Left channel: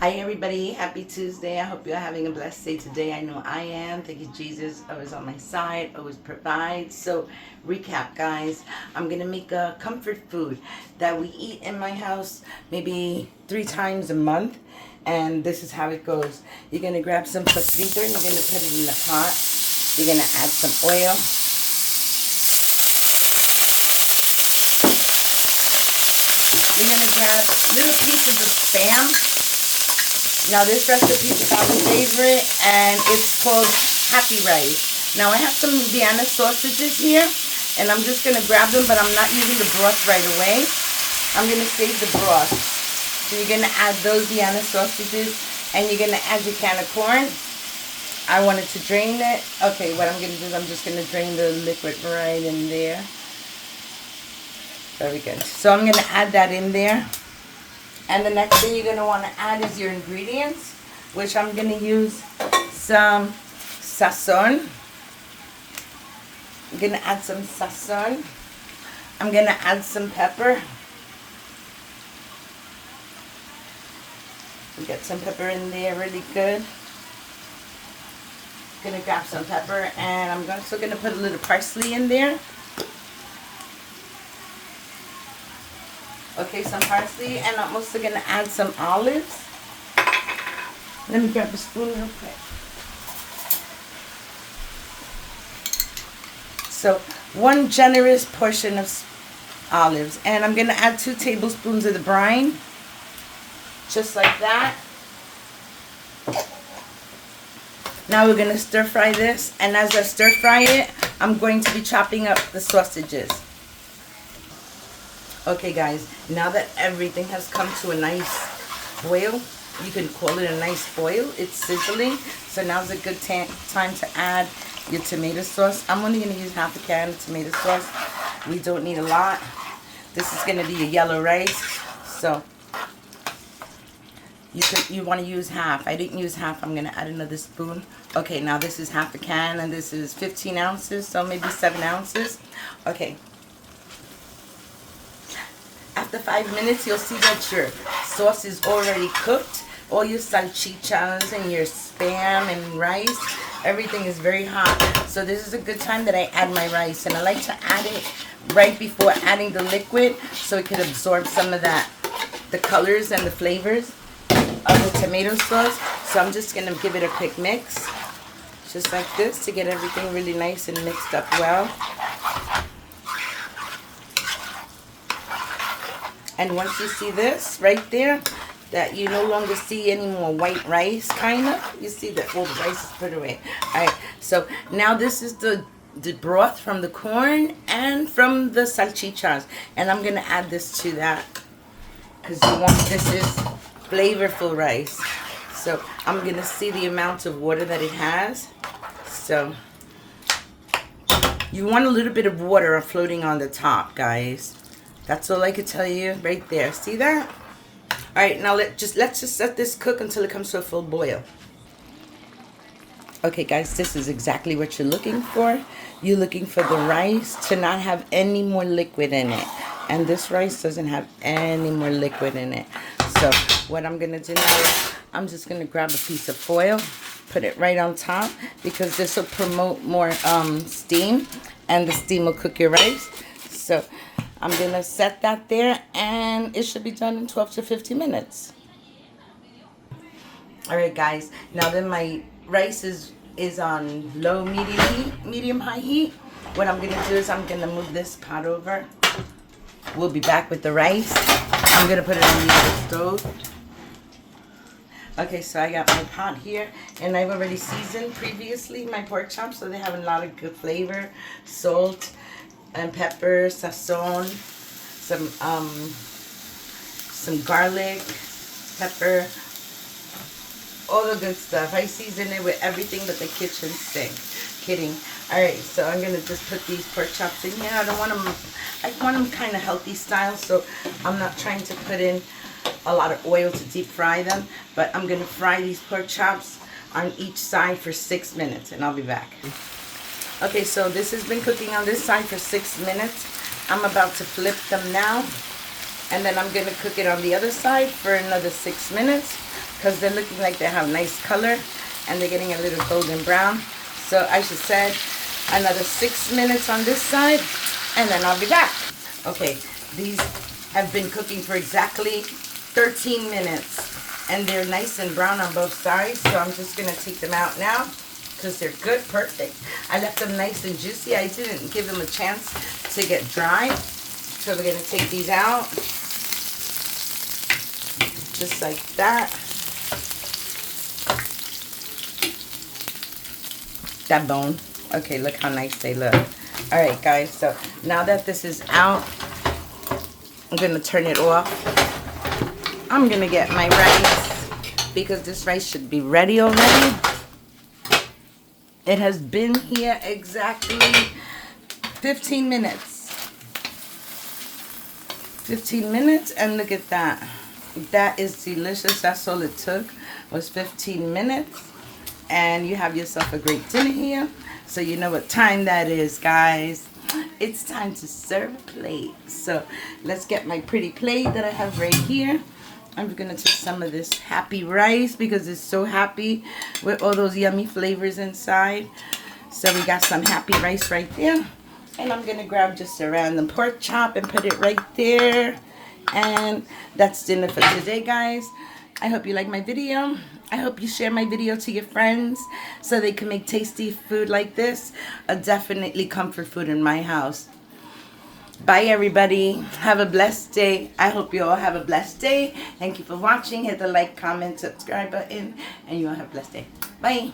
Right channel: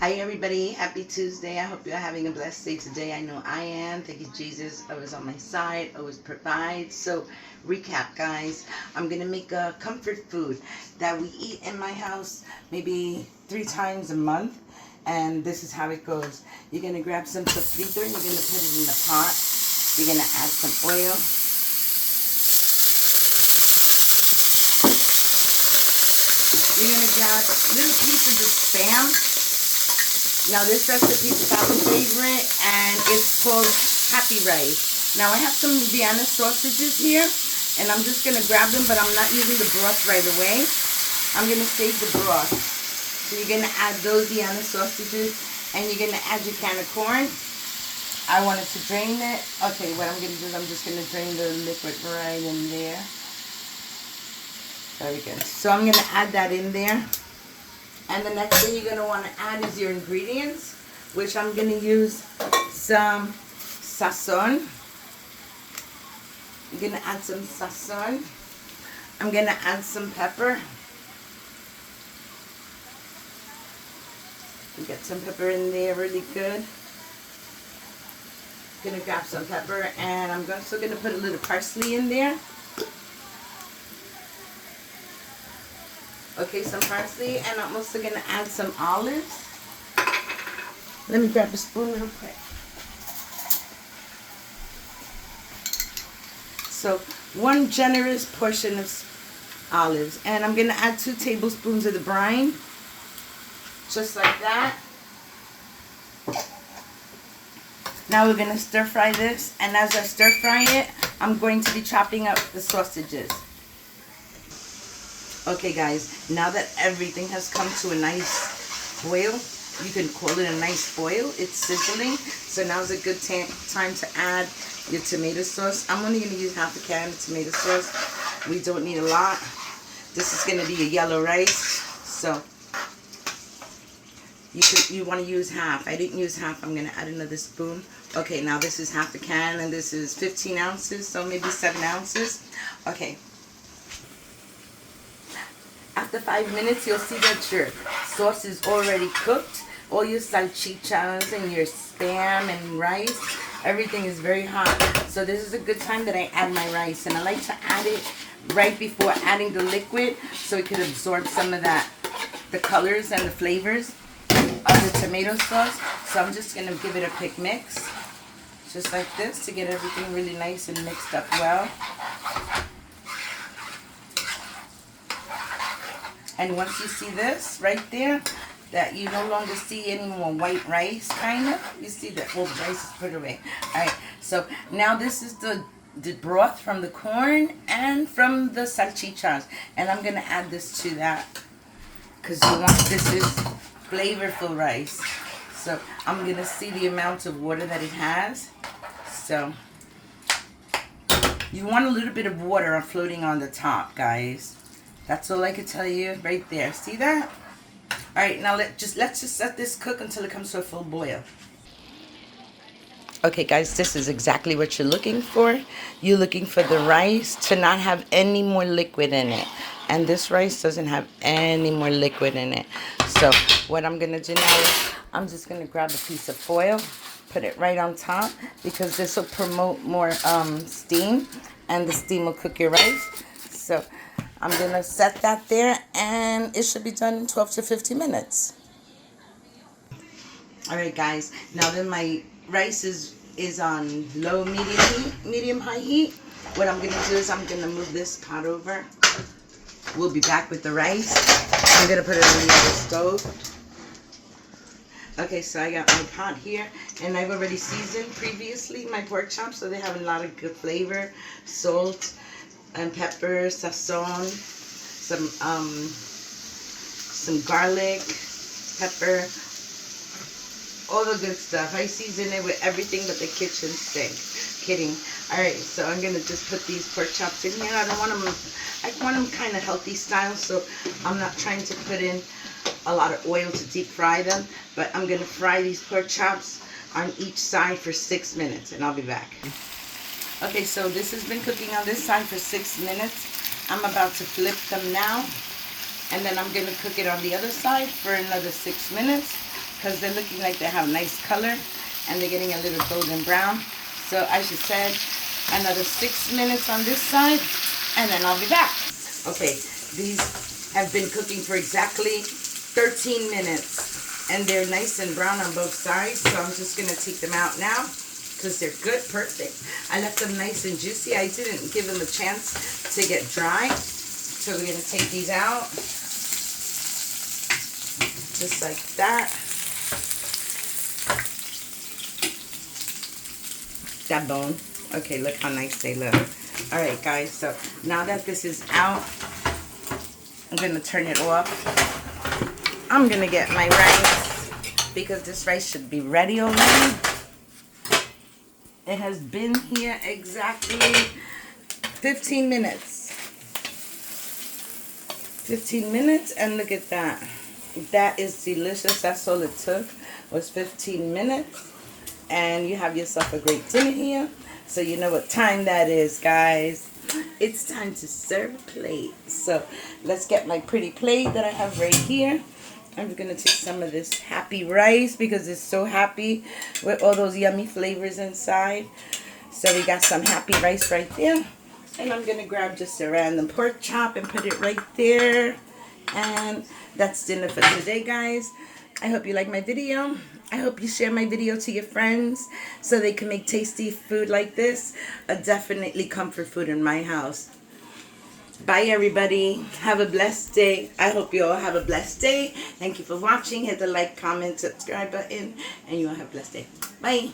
Hi everybody, happy Tuesday. I hope you're having a blessed day today. I know I am. Thank you, Jesus. Always on my side, always provides. So, recap, guys. I'm gonna make a comfort food that we eat in my house maybe 3 times a month. And this is how it goes. You're gonna grab some sofrito and you're gonna put it in the pot. You're gonna add some oil. You're gonna grab little pieces of spam. Now this recipe is our favorite and it's called Happy Rice. Now I have some Vienna sausages here and I'm just going to grab them, but I'm not using the broth right away. I'm going to save the broth. So you're going to add those Vienna sausages and you're going to add your can of corn. I wanted to drain it. Okay, what I'm going to do is I'm just going to drain the liquid right in there. Very good. So I'm going to add that in there. And the next thing you're going to want to add is your ingredients, which I'm going to use some sazon. I'm going to add some sazon. I'm going to add some pepper. Get some pepper in there really good. I'm going to grab some pepper and I'm also going to put a little parsley in there. Okay, some parsley, and I'm also going to add some olives. Let me grab a spoon real quick. So, 1 generous portion of olives. And I'm going to add 2 tablespoons of the brine. Just like that. Now we're going to stir fry this. And as I stir fry it, I'm going to be chopping up the sausages. Okay guys, now that everything has come to a nice boil, you can call it a nice boil, it's sizzling, so now's a good time to add your tomato sauce. I'm only going to use half a can of tomato sauce. We don't need a lot. This is going to be a yellow rice, so you want to use half. I didn't use half, I'm going to add another spoon. Okay, now this is half a can and this is 15 ounces, so maybe 7 ounces. Okay. After 5 minutes, you'll see that your sauce is already cooked. All your salchichas and your spam and rice, everything is very hot. So this is a good time that I add my rice. And I like to add it right before adding the liquid so it could absorb some of that, the colors and the flavors of the tomato sauce. So I'm just going to give it a quick mix, just like this, to get everything really nice and mixed up well. And once you see this right there, that you no longer see any more white rice, kind of. You see that all the rice is put away. Alright, so now this is the broth from the corn and from the salchichas. And I'm going to add this to that because this is flavorful rice. So I'm going to see the amount of water that it has. So you want a little bit of water floating on the top, guys. That's all I can tell you right there. See that? All right, now let's just let this cook until it comes to a full boil. Okay, guys, this is exactly what you're looking for. You're looking for the rice to not have any more liquid in it. And this rice doesn't have any more liquid in it. So what I'm going to do now is I'm just going to grab a piece of foil, put it right on top, because this will promote more steam, and the steam will cook your rice. So I'm going to set that there, and it should be done in 12 to 15 minutes. Alright guys, now that my rice is on low, medium high heat, what I'm going to do is I'm going to move this pot over. We'll be back with the rice. I'm going to put it on the other stove. Okay, so I got my pot here, and I've already seasoned previously my pork chops, so they have a lot of good flavor, salt, and pepper, sazon, some garlic, pepper, all the good stuff. I season it with everything but the kitchen sink. Kidding. Alright, so I'm going to just put these pork chops in here. I want them kind of healthy style, so I'm not trying to put in a lot of oil to deep fry them, but I'm going to fry these pork chops on each side for 6 minutes, and I'll be back. Okay, so this has been cooking on this side for 6 minutes. I'm about to flip them now, and then I'm going to cook it on the other side for another 6 minutes, because they're looking like they have nice color and they're getting a little golden brown. So I just said another 6 minutes on this side and then I'll be back. Okay, these have been cooking for exactly 13 minutes and they're nice and brown on both sides. So I'm just going to take them out now because they're good, perfect. I left them nice and juicy. I didn't give them a chance to get dry. So we're going to take these out just like that. That bone. Okay, look how nice they look. All right, guys, so now that this is out, I'm going to turn it off. I'm going to get my rice because this rice should be ready already. It has been here exactly 15 minutes. 15 minutes, and look at that. That is delicious. That's all it took, was 15 minutes. And you have yourself a great dinner here. So you know what time that is, guys. It's time to serve a plate. So let's get my pretty plate that I have right here. I'm going to take some of this happy rice because it's so happy with all those yummy flavors inside. So we got some happy rice right there. And I'm going to grab just a random pork chop and put it right there. And that's dinner for today, guys. I hope you like my video. I hope you share my video to your friends so they can make tasty food like this. Definitely comfort food in my house. Bye, everybody. Have a blessed day. I hope you all have a blessed day. Thank you for watching. Hit the like, comment, subscribe button, and you all have a blessed day. Bye.